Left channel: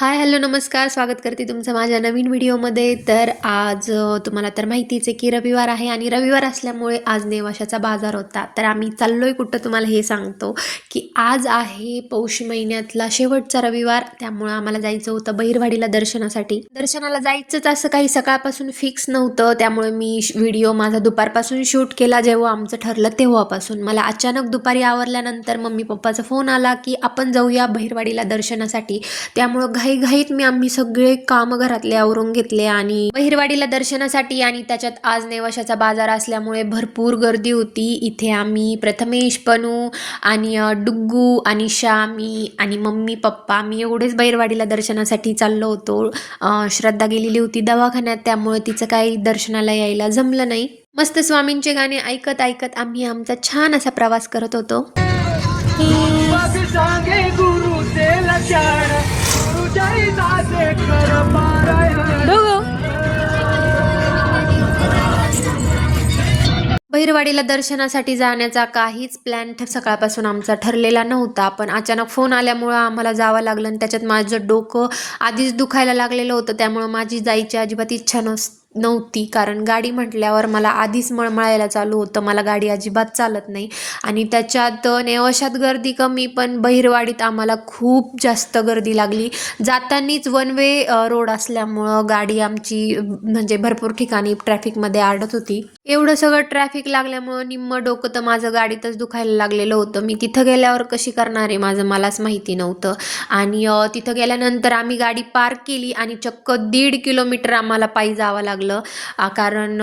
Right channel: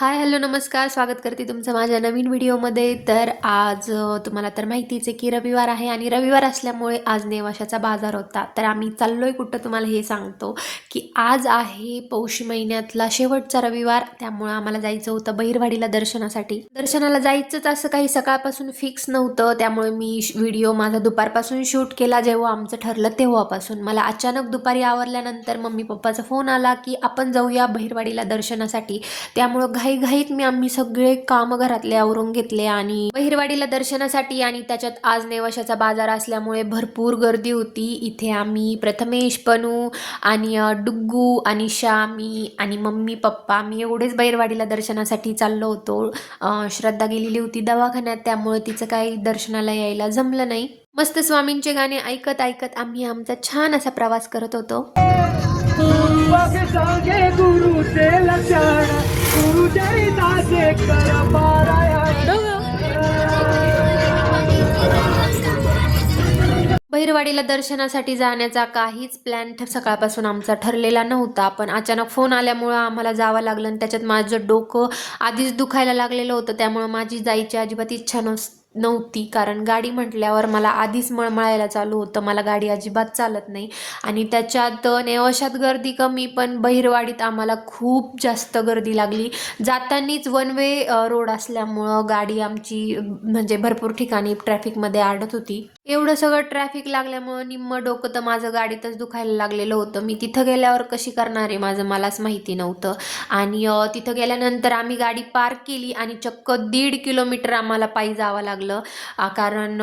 हाय, hello, नमस्कार. स्वागत करते तुमचं माझ्या नवीन व्हिडिओमध्ये. तर आज तुम्हाला तर माहितीच आहे की रविवार आहे आणि रविवार असल्यामुळे आज नेवाशाचा बाजार होता. तर आम्ही चाललोय कुठं तुम्हाला हे सांगतो की आज आहे पौष महिन्यातला शेवटचा रविवार. त्यामुळं आम्हाला जायचं होतं बहिरवाडीला दर्शनासाठी. दर्शनाला जायचंच असं काही सकाळपासून फिक्स नव्हतं, त्यामुळे मी व्हिडिओ माझा दुपारपासून शूट केला. जेव्हा आमचं ठरलं तेव्हापासून मला अचानक दुपारी आवरल्यानंतर मम्मी पप्पाचा फोन आला की आपण जाऊया बहिरवाडीला दर्शनासाठी. त्यामुळं घाईघाईत आम्ही सगळे काम घरातले आवरून घेतले आणि बहिरवाडीला दर्शनासाठी. आणि त्याच्यात आज नेवाशाचा बाजार असल्यामुळे भरपूर गर्दी होती. इथे आम्ही प्रथमेश, पनू आणि डुग्गू आणि श्यामी आणि मम्मी पप्पा आम्ही एवढेच बहिरवाडीला दर्शनासाठी चाललो होतो. श्रद्धा गेलेली होती दवाखान्यात, त्यामुळे तिचं काही दर्शनाला यायला जमलं नाही. मस्त स्वामींचे गाणे ऐकत ऐकत आम्ही आमचा छान असा प्रवास करत होतो. बहिरवाडीला दर्शनासाठी जाण्याचा काहीच प्लॅन सकाळपासून आमचा ठरलेला नव्हता, पण अचानक फोन आल्यामुळं आम्हाला जावं लागलं. आणि त्याच्यात माझं डोकं आधीच दुखायला लागलेलं होतं, त्यामुळं माझी जायची अजिबात इच्छा नव्हती. कारण गाडी म्हटल्यावर मला आधीच मळमळायला चालू होतं. मला गाडी अजिबात चालत नाही आणि त्याच्यात नेवाशात गर्दी कमी, पण बहिरवाडीत आम्हाला खूप जास्त गर्दी लागली. जातानीच वन वे रोड असल्यामुळं गाडी आमची म्हणजे भरपूर ठिकाणी ट्रॅफिकमध्ये अडत होती. एवढं सगळं ट्रॅफिक लागल्यामुळं निम्म डोकं तर माझं गाडीतच दुखायला लागलेलं होतं. मी तिथं गेल्यावर कशी करणार आहे माझं मलाच माहिती नव्हतं. आणि तिथं गेल्यानंतर आम्ही गाडी पार्क केली आणि चक्क 1.5 किलोमीटर आम्हाला पायी जावं लागलं. कारण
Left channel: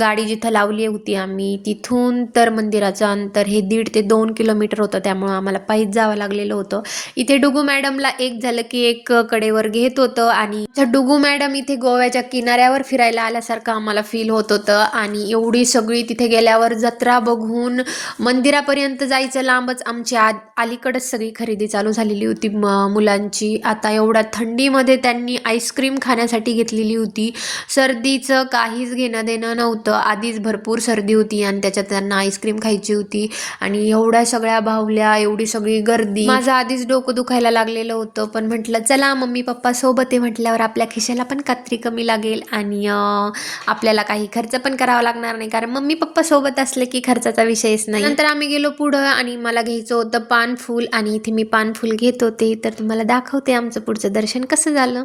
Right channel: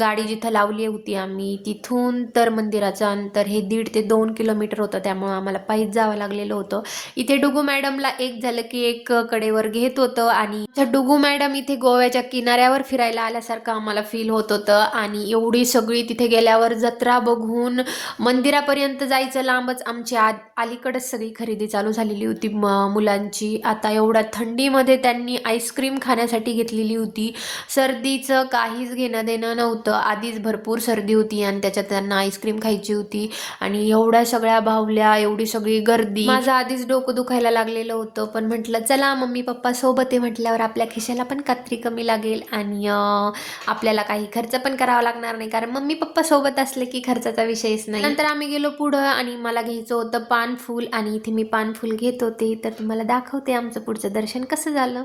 गाडी जिथं लावली होती आम्ही तिथून तर मंदिराचं अंतर हे 1.5 ते 2 किलोमीटर होतं, त्यामुळं आम्हाला पायीच जावं लागलेलं होतं. इथे डुगू मॅडमला एक झालं की एक कडेवर घेत होतं आणि डुगू मॅडम इथे गोव्याच्या किनाऱ्यावर फिरायला आल्यासारखं आम्हाला फील होत होतं. आणि एवढी सगळी तिथे गेल्यावर जत्रा बघून मंदिरापर्यंत जायचं लांबच आमची अलीकडच सगळी खरेदी चालू झालेली होती मुलांची. आता एवढ्या थंडीमध्ये त्यांनी आईस्क्रीम खाण्यासाठी घेतलेली होती. सर्दीचं काहीच घेणं देणं नव्हतं, आधीच भरपूर सर्दी होती आणि त्याच्यात त्यांना आईस्क्रीम खायची होती. आणि एवढ्या सगळ्या बाहुल्या, एवढी सगळी गर्दी, माझं आधीच डोकं दुखायला लागलेलं होतं. पण म्हटलं चला मम्मी पप्पा सोबत आहे म्हटल्यावर आपल्या खिशाला पण कात्री कमी लागेल आणि आपल्याला काही खर्च पण करावा लागणार नाही, कारण मम्मी पप्पा सोबत असले की खर्चाचा विषयच नाही. नंतर आम्ही गेलो पुढं आणि मला घ्यायचं होतं पानफूल आणि इथे मी पानफूल घेत होते. तर तुम्हाला दाखवते आमचं पुढचं दर्शन कसं झालं.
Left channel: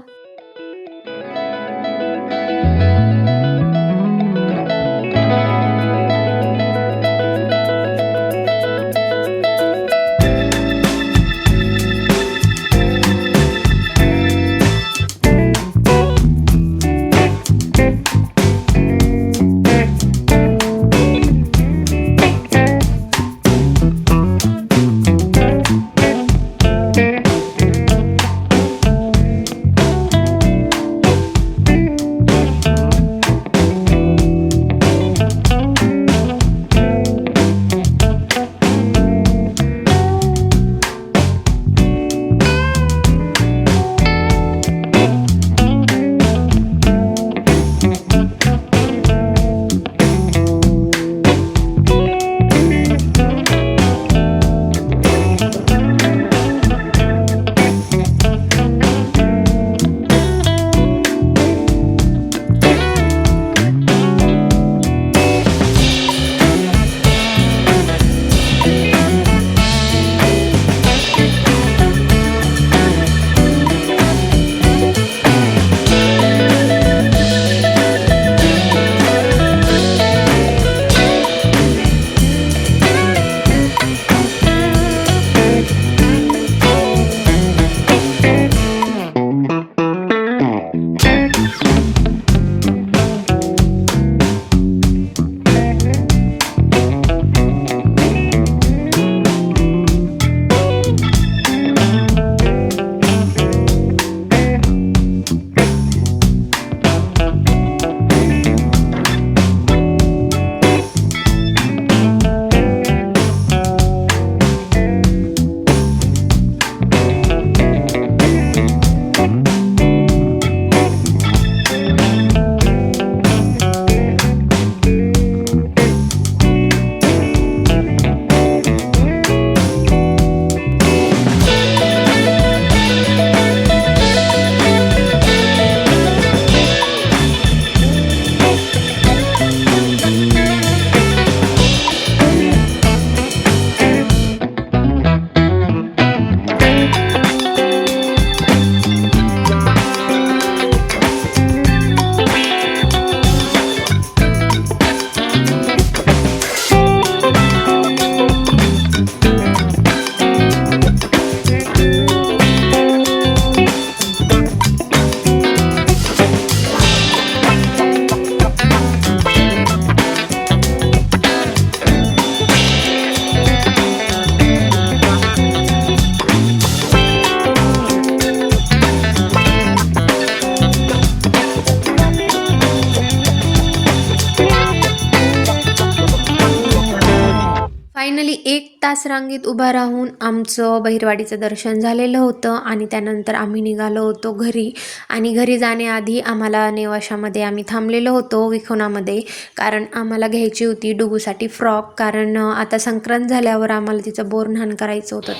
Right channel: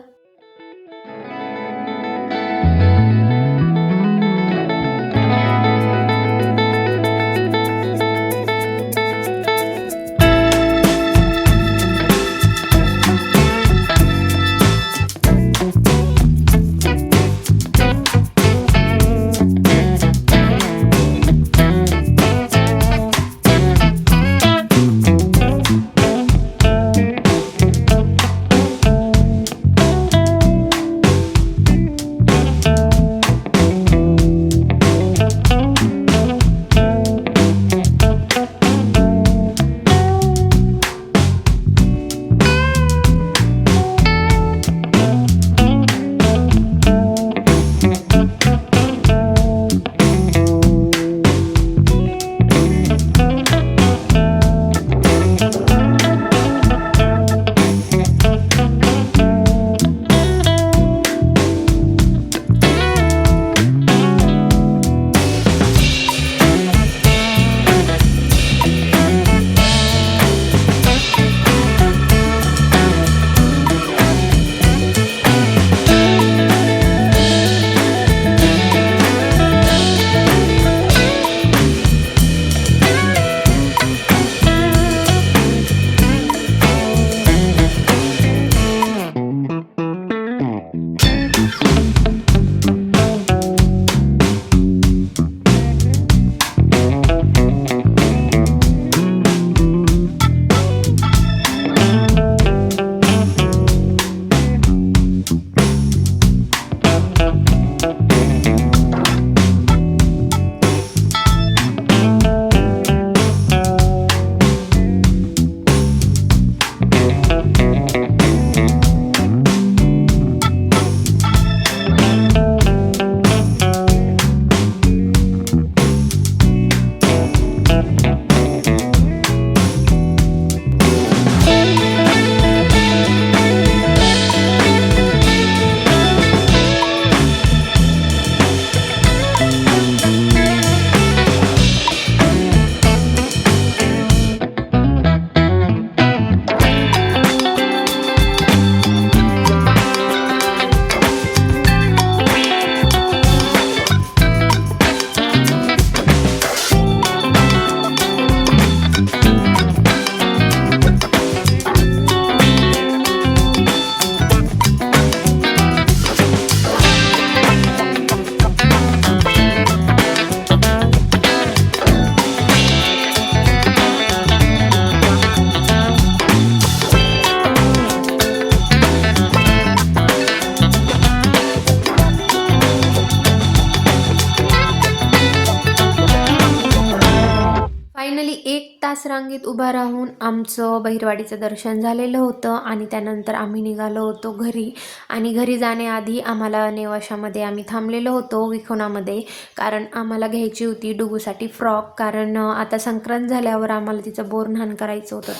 रांगेत उभा राहून आमचं बहिरवाडीचं दर्शन झालेलं होतं आणि त्यानंतर आम्ही निघालो होतो घरी. आणि घरी जाण्याआधी आम्हाला नेवाशामध्ये आम्ही थांबलेलो होतो विखोनामध्ये, कारण आम्हाला घ्यायची होती डुगूसाठी फ्रॉक. कारण आता संक्रांत झाल्यावर आम्हाला तिचं बोरन्हाण करायचं होतं.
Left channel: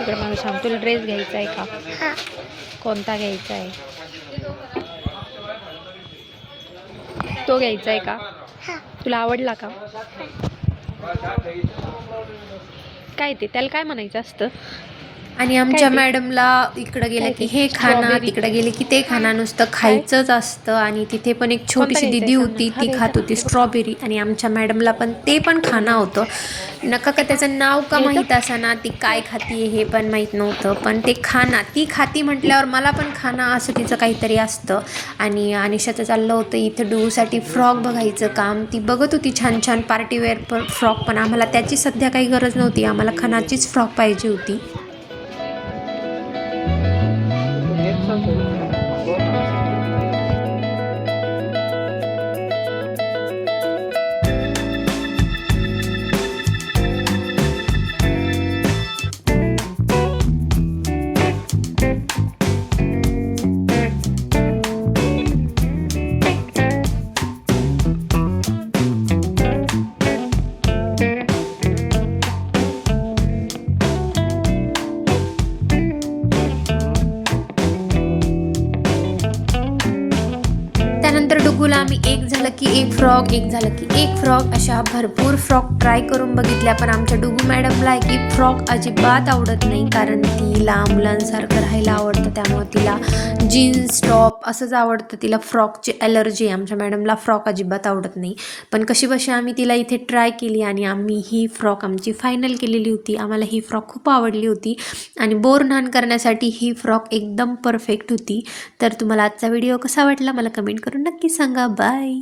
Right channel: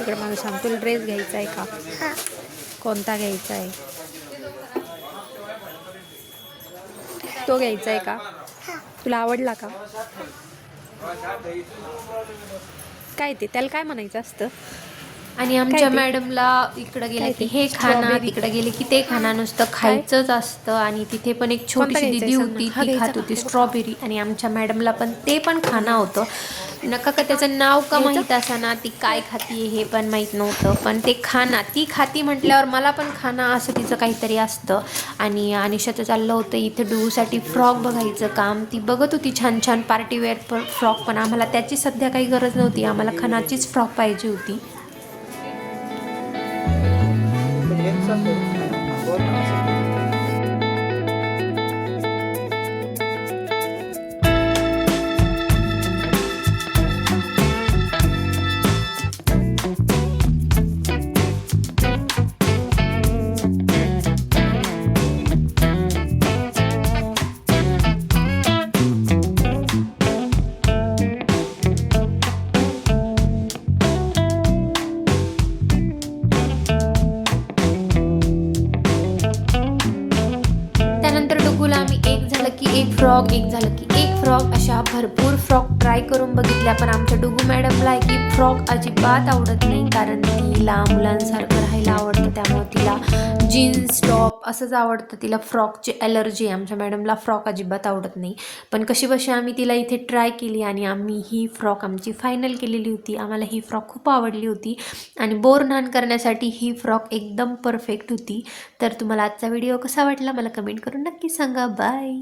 मला सांग, तुला ड्रेस घ्यायचा आहे का? कोणता घ्यायचा आहे? तो घ्यायचा आहे का? तुला आवडला का? काय ते त्याला काय म्हणायचं असतं? आणि आमच्या मॅडमला इकडं गेलं की हे खाना, तिकडे गेले की ते खाना, नुसतं खायचंच असतं. आणि तिथे पण एक छोटीशी दिदी होती, ती खात होती स्ट्रॉबेरी, आणि आमच्या मॅडमला पण ते पण खाणं होतं. नका का त्याचं नाव का माहीत असाना, ती काय खाती हे पण माहीत नव्हतं, पण ते खाना ती खाती म्हटल्यावर मला पण खाना असं तिचं काहीतरी असतं. आणि अनिशाचं चाललं होतं इथं डुगूसाठी फ्रॉक बघायचं काम. ती बघत होती छान छान पार्टीवेअर फ्रॉक, पण आम्हाला त्याची सध्या काही गरज नव्हती, आम्हाला खणाचीच फ्रॉक पाहिजे होती. एक झालं की एक फ्रॉक अशा भरपूर फ्रॉक ट्राय करून बघितल्या, पण आमच्या डुगू मॅडमला एक फ्रॉक अजिबात आवडत नाही, कारण तिला मुलांसारखं राहायला आवडतं, त्यामुळे तिला जीन्स टॉप असंच आवडतं. तिला फ्रॉकची ॲलर्जी आहे. आमच्या मॅडमला फ्रॉक अजिबात आवडत नाही. पण कशी बशी आम्ही तिला इथे ट्राय केली आणि आम्ही ही फ्रॉक आमची फायनल केलेली होती. आम्हाला ही फ्रॉक खूप आवडली होती आणि बोरन्हाण करण्यासाठी ही फ्रॉक एकदम परफेक्ट होती. तर तुम्हाला आजचा व्हिडिओ कसा वाटला मला कमेंट करून नक्की सांगा. बाय.